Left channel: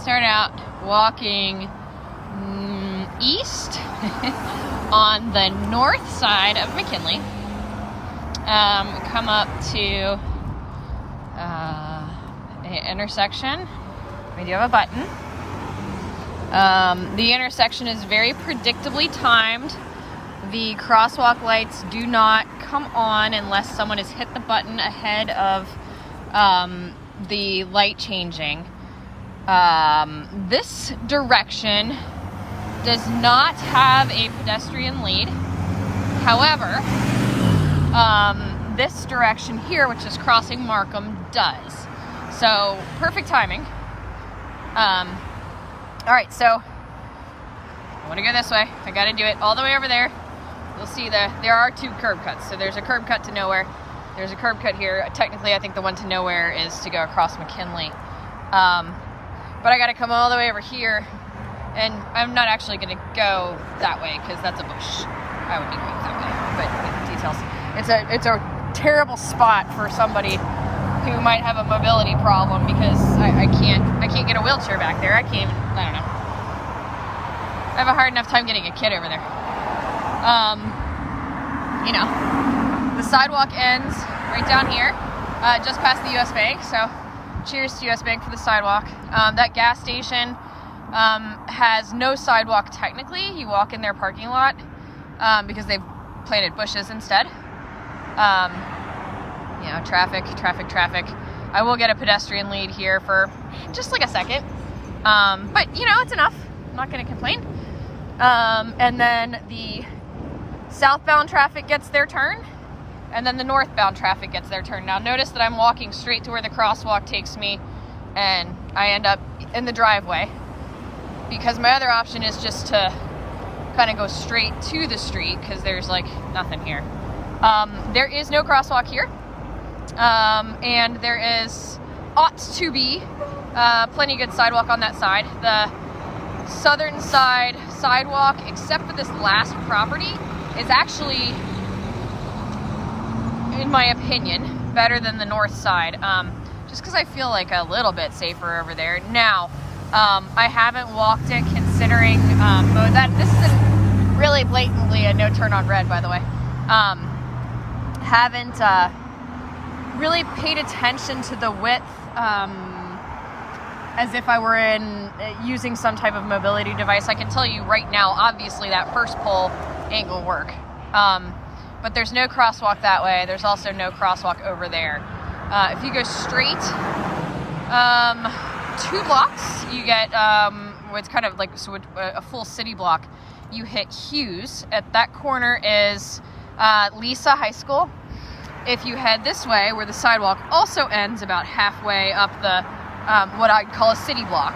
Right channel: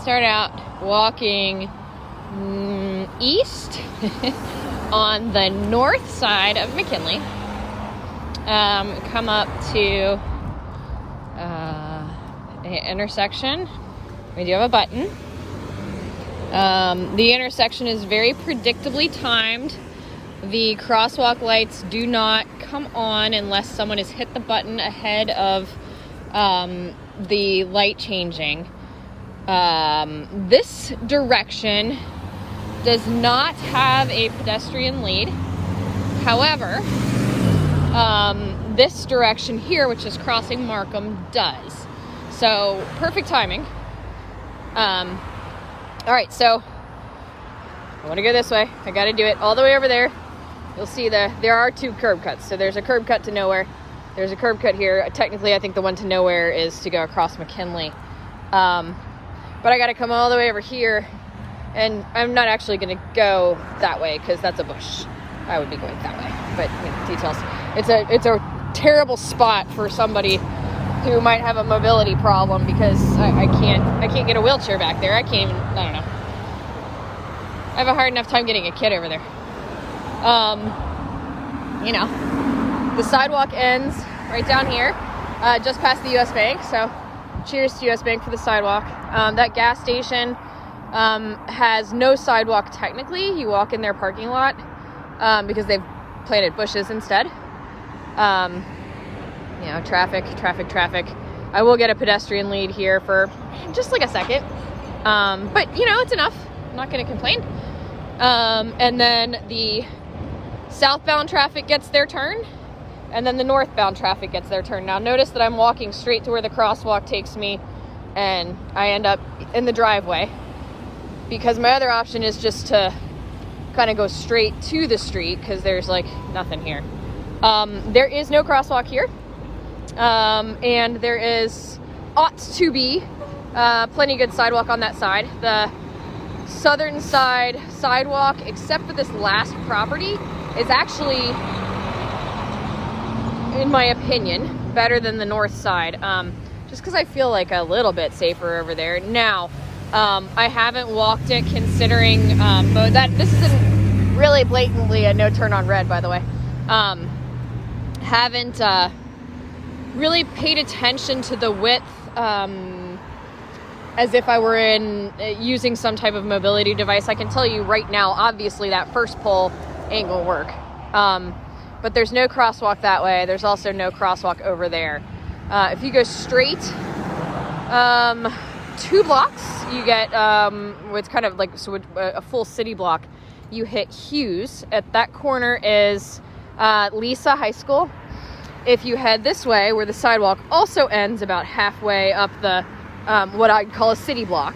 start out walking east on the north side of McKinley. We'll come up to the intersection. We do have a button. The intersection is very predictably timed. The crosswalk lights do not come on unless someone has hit the button ahead of the light changing. This direction does not have a pedestrian lead. However, this direction here, which is crossing Markham, does. So, perfect timing. Alright, so I want to go this way. I gotta do it all the way over there. You'll see there are two curb cuts. So there's a curb cut to nowhere. There's a curb cut here. Technically, I think the one to nowhere is to go across McKinley. But I gotta come all the way over here, and I'm not actually gonna go that way because that's a bush. I would be going that way, but it's a terrible spot for somebody who might have a mobility problem because I can't get a wheelchair back there. I don't know. I have a hard enough time getting a kid over there. You know, the sidewalk ends right down here, just past the US Bank. So cheers to US Bank for the sidewalk. That gas station has no sidewalk technically. You walk in their parking lot because they've planted bushes instead. You know, traffic. I will get a pedestrian lead here for just like a second. But you know, it's enough. I'm not gonna complain. And then the southbound traffic gets their turn, and then the northbound traffic gets their turn. Now notice that I'm walking straight to where the crosswalk takes me, and I end up in the driveway, because my other option is just to kind of go straight to the street, because there's like nothing here. There is no crosswalk here, and there is ought to be plenty good sidewalk on that side. The southern side sidewalk, except for this last property, is actually, in my opinion, better than the north side, just because I feel like a little bit safer over there. Now, I haven't walked it considering this is really blatantly a no turn on red, by the way. Haven't really paid attention to the width as if I were using some type of mobility device. I can tell you right now, obviously that first pole ain't gonna work. But there's no crosswalk that way. There's also no crosswalk over there. If you go straight 2 blocks, you get it's kind of like a full city block. You hit Hughes. At that corner is Lisa High School. If you head this way, where the sidewalk also ends about halfway up the what I'd call a city block,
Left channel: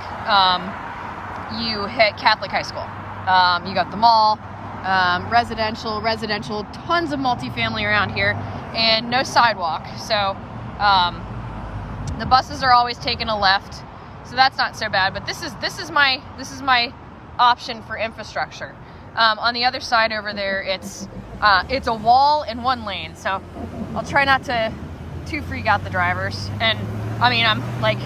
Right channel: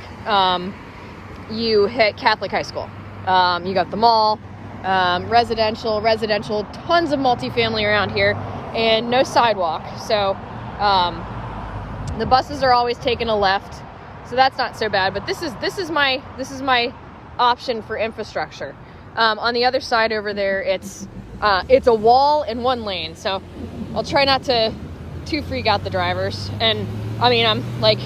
you hit Catholic High School. You got the mall, residential, tons of multifamily around here, and no sidewalk. So the buses are always taking a left, so that's not so bad. But this is my option for infrastructure. On the other side over there, it's a wall in 1 lane, so I'll try not to too freak out the drivers. And I mean, I'm like,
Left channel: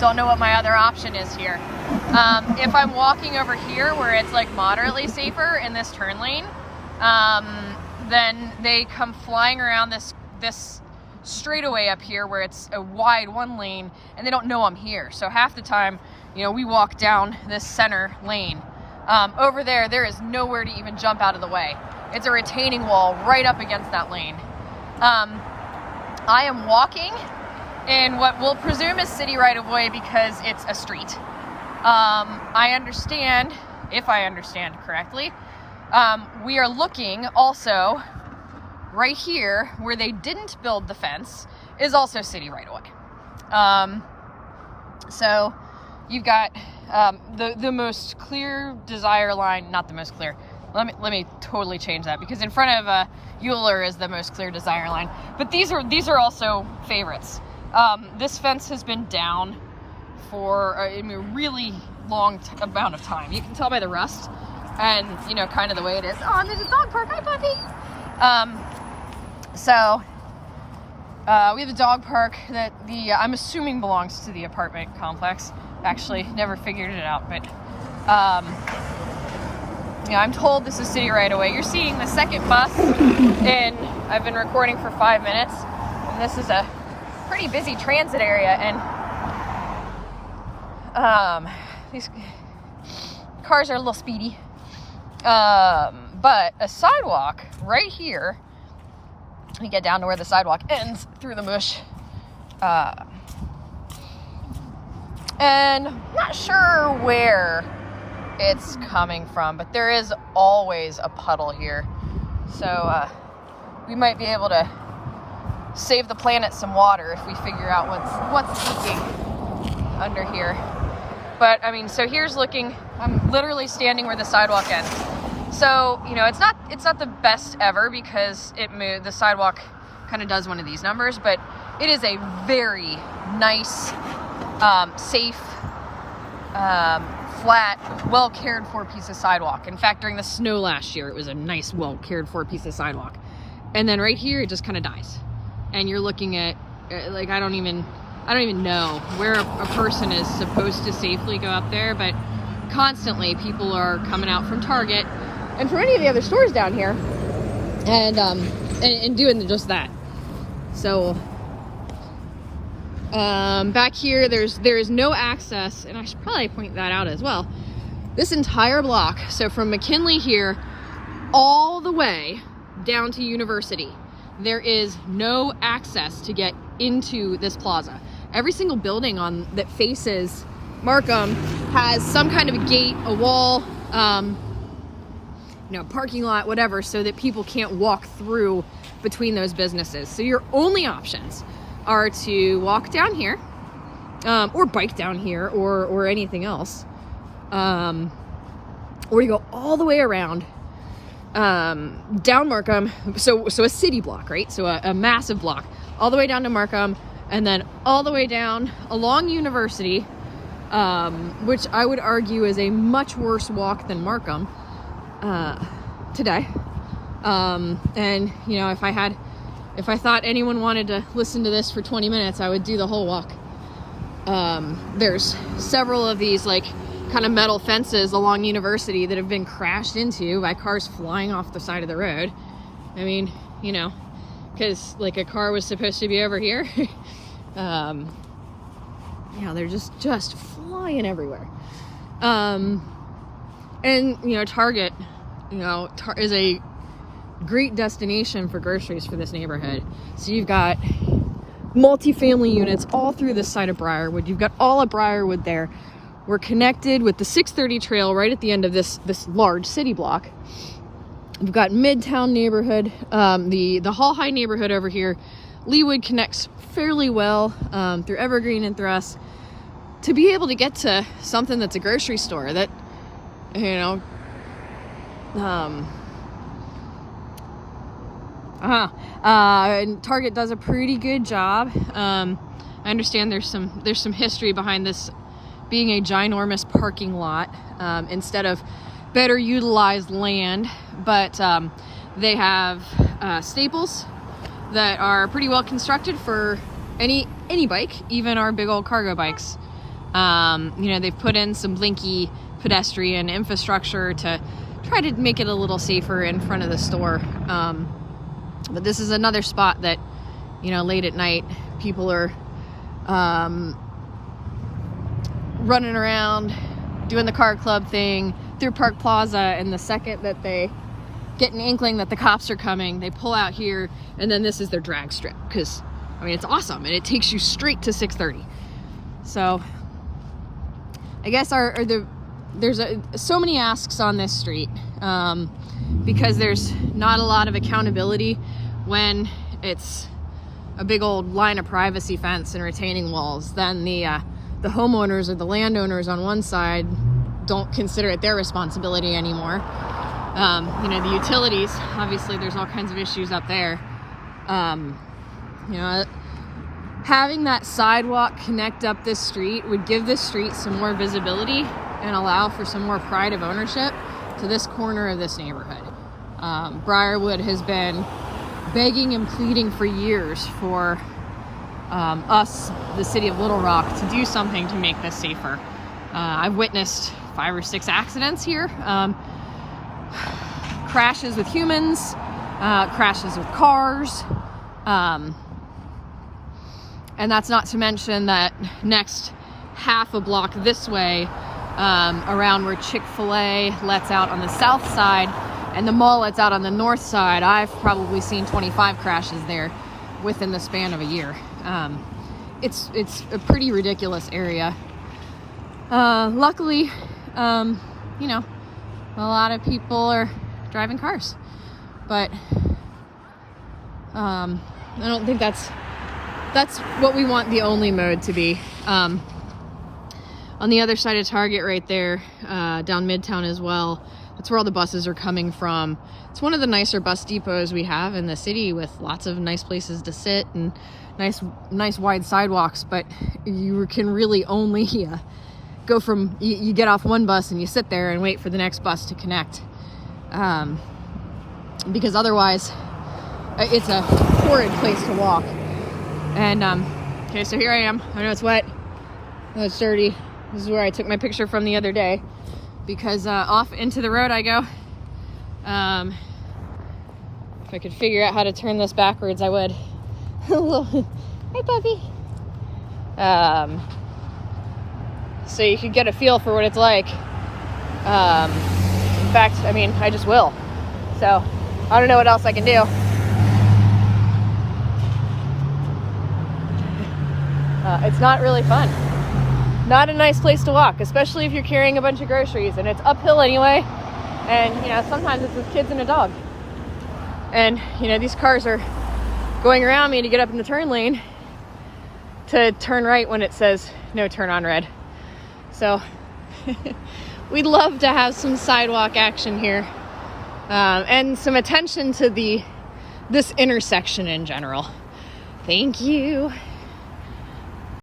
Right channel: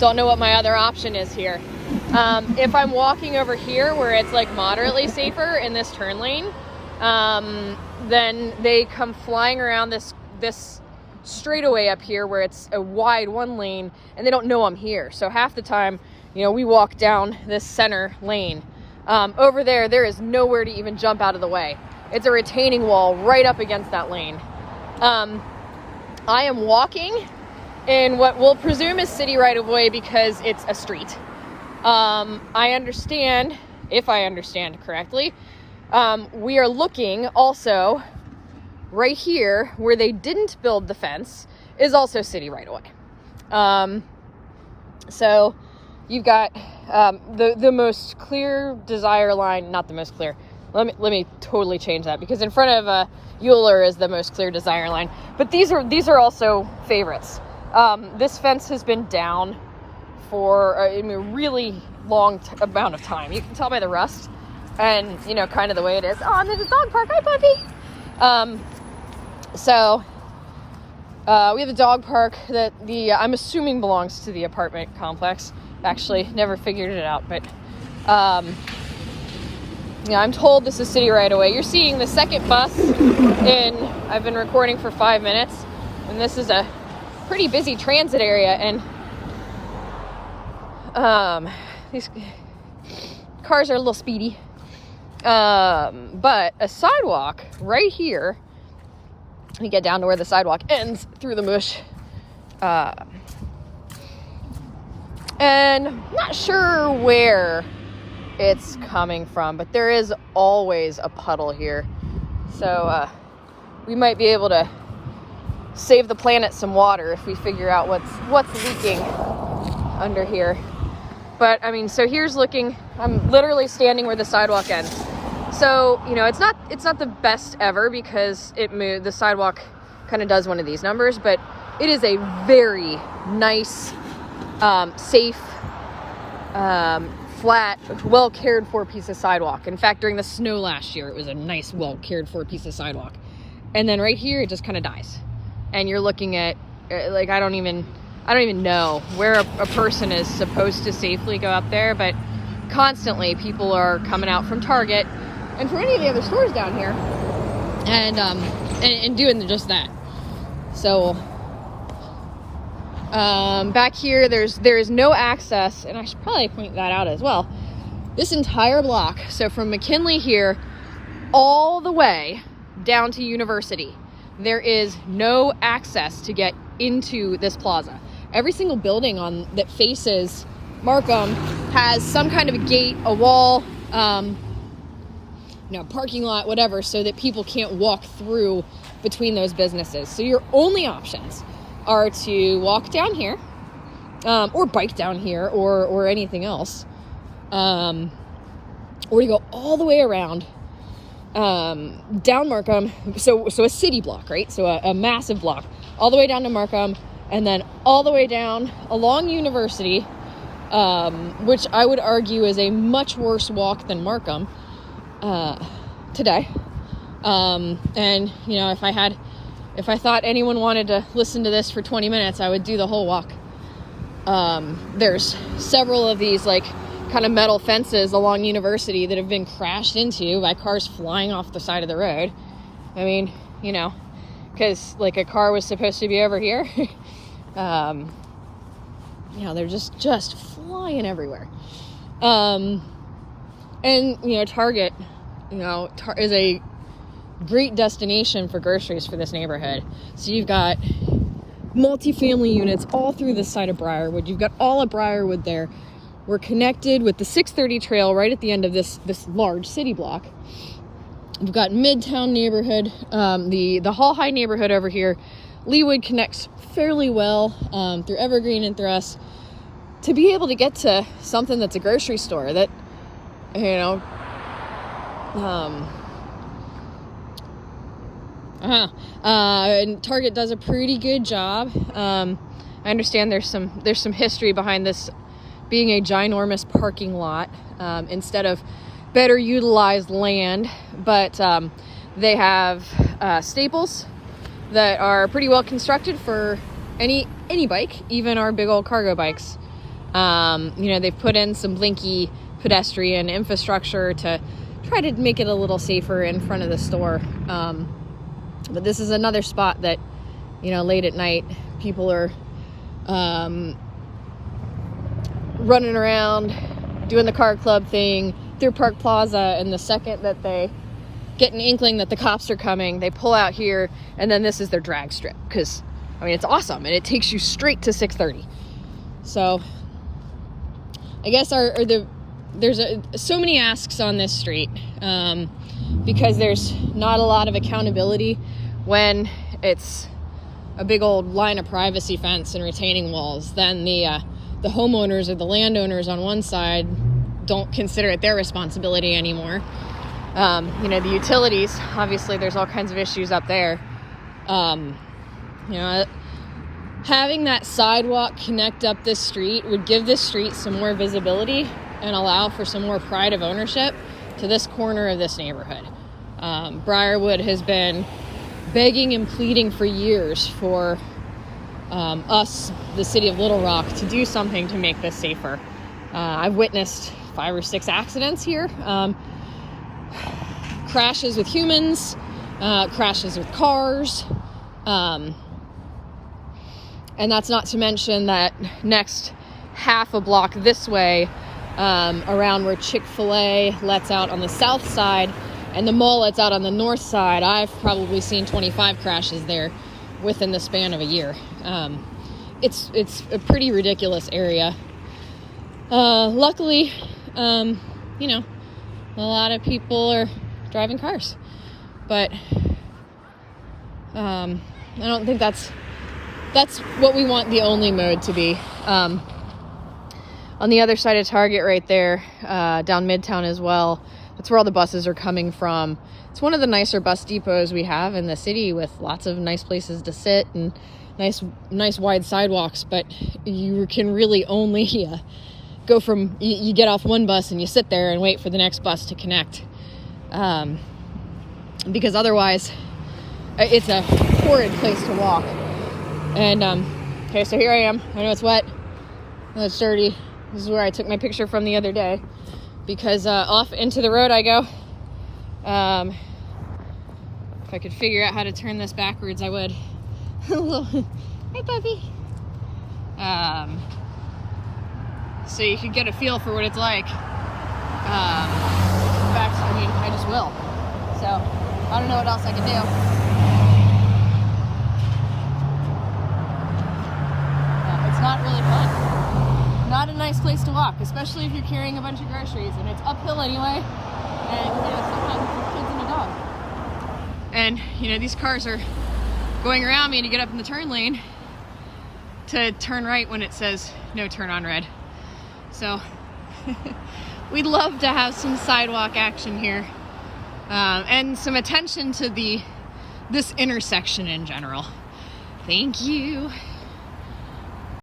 don't know what my other option is here. If I'm walking over here where it's like moderately safer in this turn lane, then they come flying around this straightaway up here where it's a wide 1 lane, and they don't know I'm here. So half the time, you know, we walk down this center lane. Over there is nowhere to even jump out of the way. It's a retaining wall right up against that lane. I am walking in what we'll presume is city right of way because it's a street. I understand, if I understand correctly, we are looking also right here where they didn't build the fence is also city right of way. So you've got the most clear desire line, not the most clear. Let me totally change that, because in front of Euler is the most clear desire line. But these are also favorites. This fence has been down for a really long amount of time. You can tell by the rust and, you know, kind of the way it is. Oh, and there's a dog park. Hi, puppy. So we have a dog park that I'm assuming belongs to the apartment complex. actually never figured it out, but yeah, I'm told this is city right away. You're seeing the second bus, and I've been recording for 5 minutes, and this is a pretty busy transit area, and these cars are a little speedy, but a sidewalk right here, we get down to where the sidewalk ends through the mush, and I'm not sure where it's coming from, but there is always a puddle here, so we might be able to save the planet some water if we figure out what's leaking under here. But I mean, so here's looking, I'm literally standing where the sidewalk ends. So, you know, it's not the best ever because the sidewalk kind of does one of these numbers, but it is a very nice, safe, flat, well cared for piece of sidewalk. In fact, during the snow last year, it was a nice, well cared for piece of sidewalk. And then right here, it just kind of dies. And you're looking at, like, I don't even know where a person is supposed to safely go up there, but constantly people are coming out from Target and from any of the other stores down here and doing just that. So back here, there is no access, and I should probably point that out as well. This entire block, so from McKinley here all the way down to University, there is no access to get into this plaza. Every single building that faces Markham has some kind of a gate, a wall, parking lot, whatever, so that people can't walk through between those businesses. So your only options are to walk down here, or bike down here, or anything else, or you go all the way around down Markham, so a city block, right? So a massive block, all the way down to Markham, and then all the way down along University, which I would argue is a much worse walk than Markham today. And you know, if I thought anyone wanted to listen to this for 20 minutes, I would do the whole walk. There's several of these like kind of metal fences along University that have been crashed into by cars flying off the side of the road. I mean, you know, because like a car was supposed to be over here. They're just flying everywhere. And you know, Target, is a great destination for groceries for this neighborhood. So you've got multi-family units all through this side of Briarwood. You've got all of Briarwood there. We're connected with the 630 trail right at the end of this large city block. We've got Midtown neighborhood, the Hall High neighborhood over here. Leawood connects fairly well through Evergreen and through us to be able to get to something that's a grocery store that, and Target does a pretty good job. I understand there's some history behind this being a ginormous parking lot instead of better utilized land, but they have staples that are pretty well constructed for any bike, even our big old cargo bikes. They've put in some blinky pedestrian infrastructure to try to make it a little safer in front of the store. But this is another spot that, late at night, people are running around, doing the car club thing through Park Plaza, and the second that they get an inkling that the cops are coming, they pull out here, and then this is their drag strip, because, it's awesome, and it takes you straight to 630. So, I guess there's so many asks on this street, because there's not a lot of accountability when it's a big old line of privacy fence and retaining walls. Then the homeowners or the landowners on one side don't consider it their responsibility anymore. The utilities, obviously there's all kinds of issues up there. Having that sidewalk connect up this street would give this street some more visibility and allow for some more pride of ownership to this corner of this neighborhood. Briarwood has been begging and pleading for years for us, the city of Little Rock, to do something to make this safer. I've witnessed 5 or 6 accidents here. Crashes with humans, crashes with cars, and that's not to mention that next half a block this way, around where Chick-fil-A lets out on the south side and the mall lets out on the north side, I've probably seen 25 crashes there within the span of a year. It's a pretty ridiculous area. Luckily, you know, a lot of people are driving cars, but I don't think that's what we want the only mode to be. On the other side of Target right there, down Midtown as well, that's where all the buses are coming from. It's one of the nicer bus depots we have in the city, with lots of nice places to sit and nice wide sidewalks, but you can really only go from, you get off one bus and you sit there and wait for the next bus to connect, because otherwise it's a horrid place to walk. And okay, so here I am. I know it's wet, I know it's dirty. This is where I took my picture from the other day, because off into the road I go. If I could figure out how to turn this backwards, I would. Hi, puppy. So you could get a feel for what it's like. In fact, I mean, I just will. So I don't know what else I can do. It's not really fun. Not a nice place to walk, especially if you're carrying a bunch of groceries, and it's uphill anyway. And you know, sometimes it's with kids and a dog. And you know, these cars are going around me to get up in the turn lane to turn right when it says no turn on red. So we'd love to have some sidewalk action here, and some attention to this intersection in general. Thank you.